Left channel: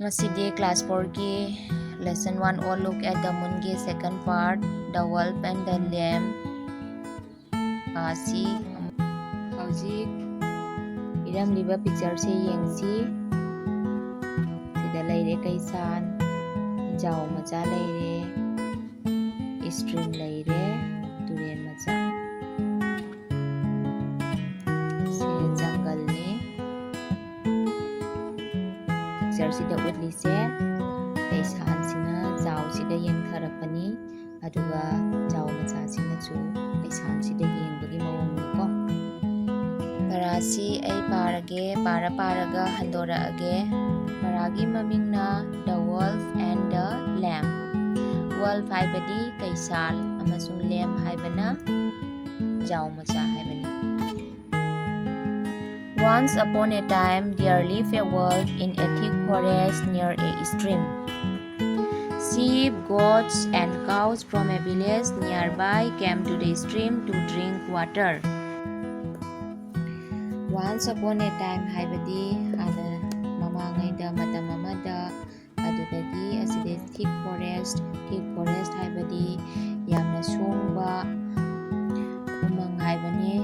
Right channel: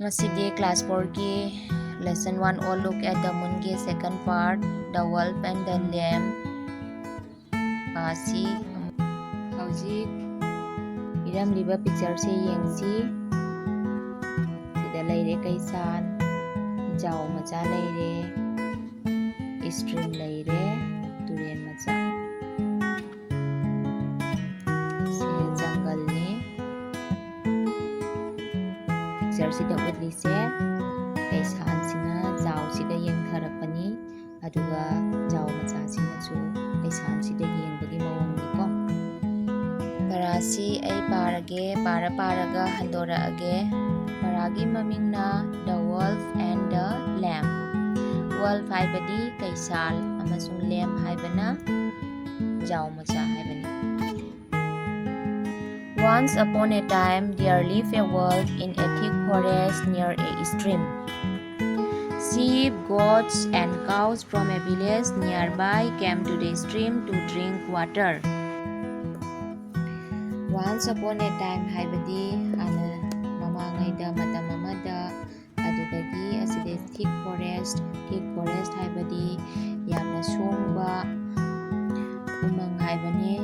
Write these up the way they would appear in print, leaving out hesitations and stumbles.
Ngasidi class 4 lesson 1 all look at the moon gi second part the wolf and the lamb asi hauzik iramliba picture se yengsi sida leire kaisan jaw macha leire stream leire turen macha se jungle ni picture sida utli se kaisan sina jaw sida yengtharakpani aduga jaw macha sina chu kaisan sida yengbagi mawong ni ko parasi ai parage paraga handora age paragi mamingna the wolf and the lamb wolf haibadi kaisal amasung lamb haibana jaw macha haibani. Once upon a time there lived a wolf in a thick forest near a stream. Sheep, goats, and cows from a village nearby came to the stream to drink water. Once upon a time haibadi hana mamangaida matam amada adudagi aside thick forest haibadi yamna songba umang haibani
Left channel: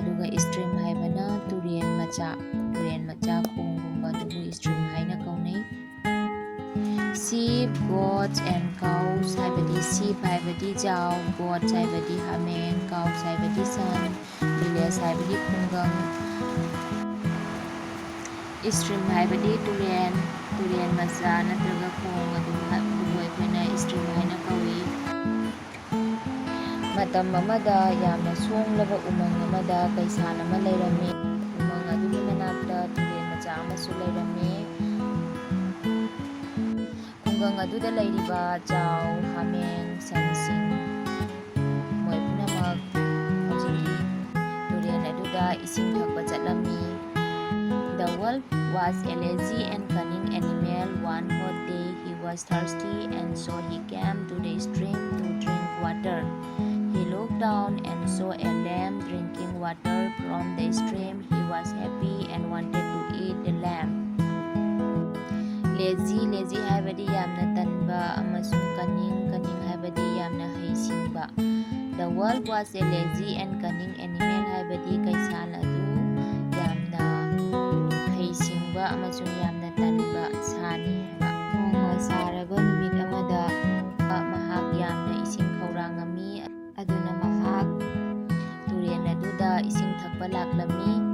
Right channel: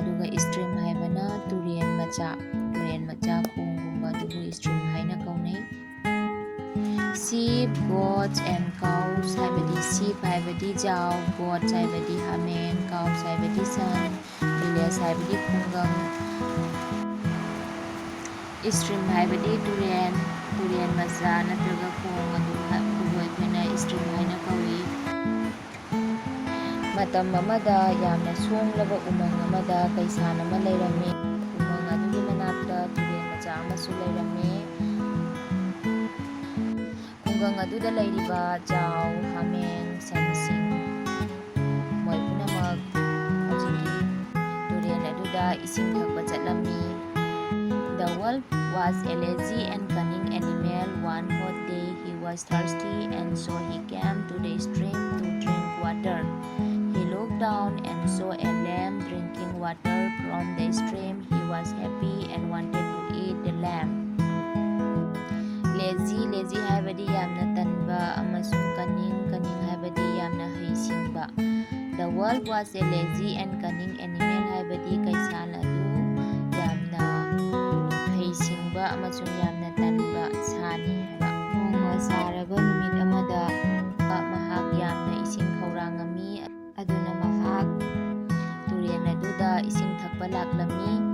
aduga stream haibana turen macha khonggumba dubu stream haina kaunai. Sheep, goats, and cows haibadi sheep haibadi jaw, goats haibadi hameng, cows haibadi san, village haibadi khungang, stream haibadi turen macha natraga khong adubu aikoina stream haina kawi. Matam amada yamna songlaba umang amada kaisan ama leirame umang adugi manakta turen macha amasu leirame khungang aduda leiriba jaw hameng sansing moi punamak hojiki turen aduda ising thakpa chatlami. The wolf was a lazy and cunning animal. One hot day he was thirsty and so he came to the stream to drink water. He looked down and saw a lamb drinking water from the stream. He was happy and wanted to eat the lamb. Lazy haibadi yamna tanba amasung cunning haibadi yamna haisingba. The wolf was a lazy and cunning animal haibadi kaisan adu yamna haisingba amasung yamna tanba sani haiba. Nongma saraba numit amada mahak yamna ising khaurangami aduna mahak turen aduda ising thakpa laklami.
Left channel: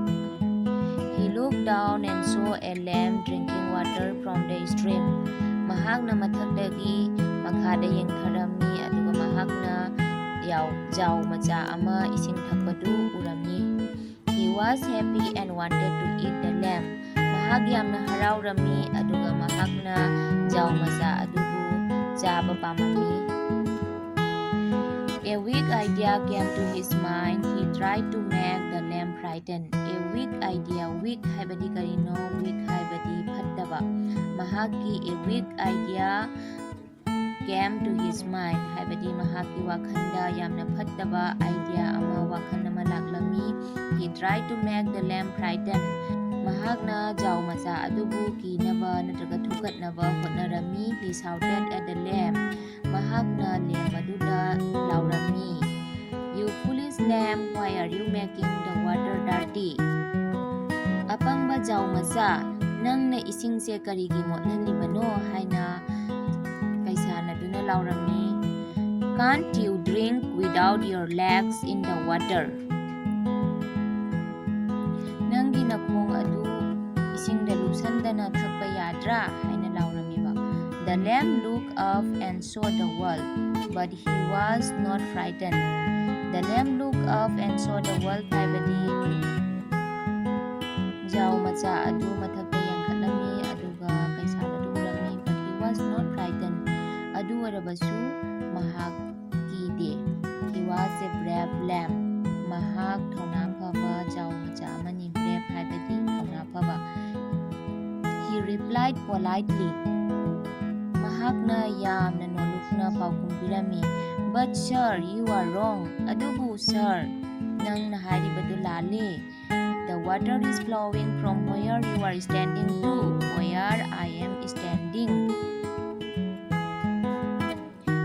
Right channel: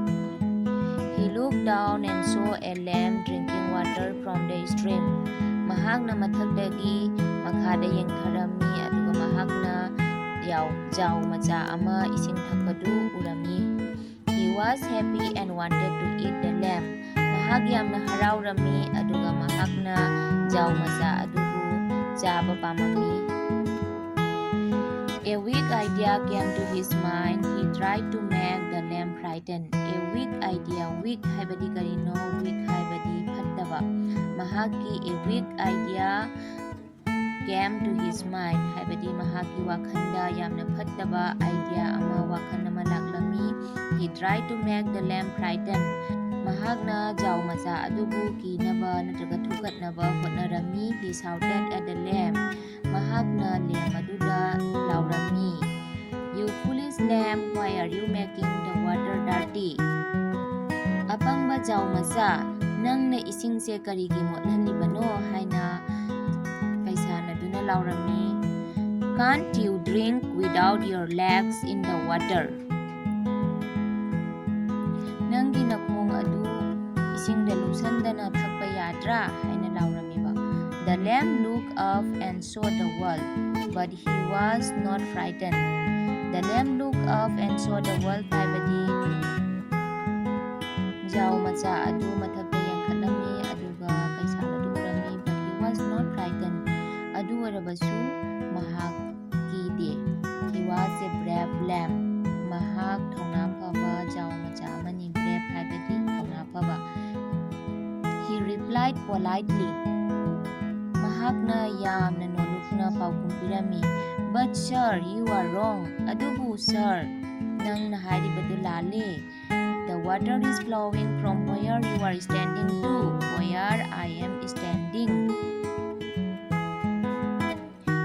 He looked down and saw a lamb drinking water from the stream. Mahakna mathakdagi makhada yengtharami aduga mahakna jaw macha ama ising thakpadu urami. He was happy and wanted to eat the lamb. Mahak yamna haraurami aduga mahakna jaw macha adubu chaba pamami. A weak idea came to his mind. He tried to make the lamb frightened. A weak idea, weak haibadi karino, weak haibadi phattaba. Mahaki a weak idea came to his mind. Haibadi mahaki wakhanda yamna phattaba idea ama wakhan ama laklami. He tried to make the lamb frightened. Mahakna jaw macha adubu kinaba natraga thukatnaba hotnarami. He shouted at the lamb. Mahakna lamb aduda laurami. You foolish lamb, why are you making the water dirty? Apangba jaw macha, nangna ising se karigi motlalibano haina kaisan aduna laurami. Can't you drink without your legs in the water? Nangi nakhong adu ising da lupsandana thakpa yadra haina lauramiba. The lamb looked up and saw the wolf, but he was not frightened. The lamb looked up and saw the wolf haibadi jaw macha adu mathakta yangkhatlami aduga kaisal adu urami, but he was not frightened. Adu warabasu mahak kide. He was a brave lamb. Mahak thauna phaba jaw macha amani brave haibadi thauna phaba. He replied politely. Mahakna yamna nolukna paukhum pirami. But sir, you are wrong. Adubu sir, nang naharibadu lale. The water is flowing from where you are standing to where I am standing.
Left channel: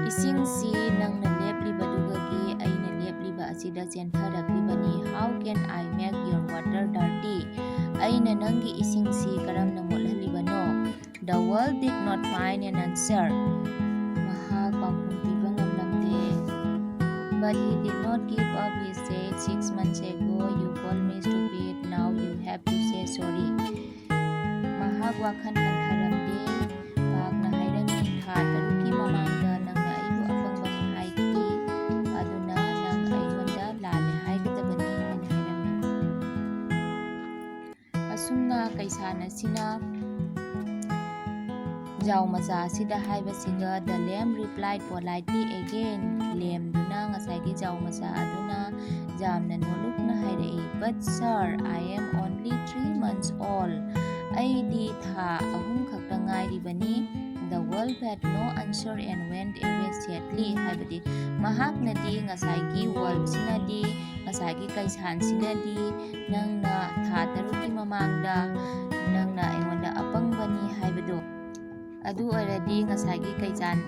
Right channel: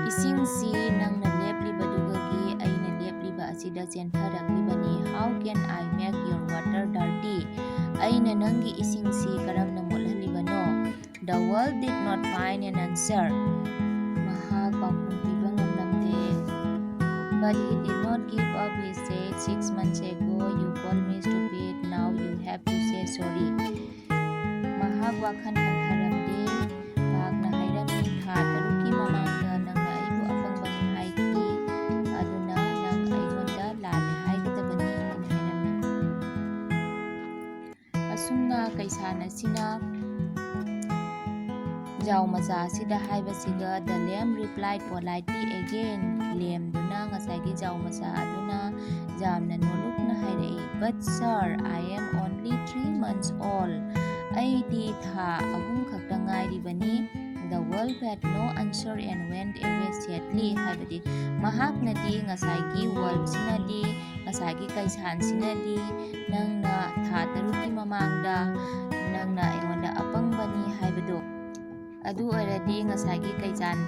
Isingsi nangna leplibadugagi aina lepliba asida chentharaklibani. How can I make your water dirty? Aina nangi isingsi karamna mothalibano? The wolf did not find an answer. Mahak pakhum piba ngamlamde. But he did not give up. He said, 6 months ago you called me stupid. Now you have to say sorry. Mahak wakhan hantharamde. Mahakna hairami tha taruki mamangda nangna aibu apangbani haiki. Aduna nang aingonda lale haigadabani haina hairami. Asumna kaisana sina Jau macha asida haibasiga. The lamb replied politely again. Lamduna ngasagi jau macha aduna jamna nolukna hairai. But sir, I am only 3 months old. Aidi tha ahum khakta ngairibani. The wolf had no answer and went away sadly. Haibadi mahaknadi ngasagi wolf sinadi ngasagi kaisan sinadi nangna tha taruki mamangda nangna aingonda apangbani haibado. Adu oiradi ngasagi kaisan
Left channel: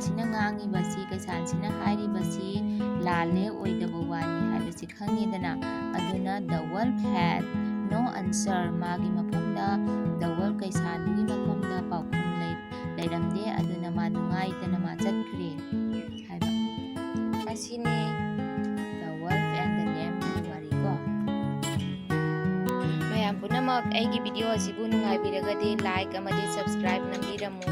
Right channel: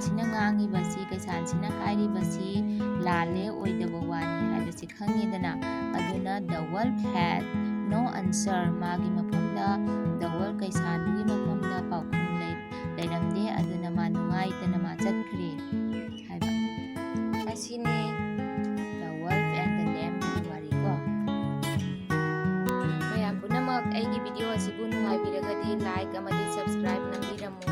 sina ngangibasi kaisan sina hairibasi lale oidaba wani haibasi khangedana. Aduna the wolf had no answer. Magi mafamda the wolf kaisan dugi mafamda paukhum leiramde. Aduna ma nungaitana ma chatkhre haiba. Asini the wolf and the lamb ki wari ko. Mayam punamak aigi video asibu nungaibiragadi like amadi subscribe nambiramu.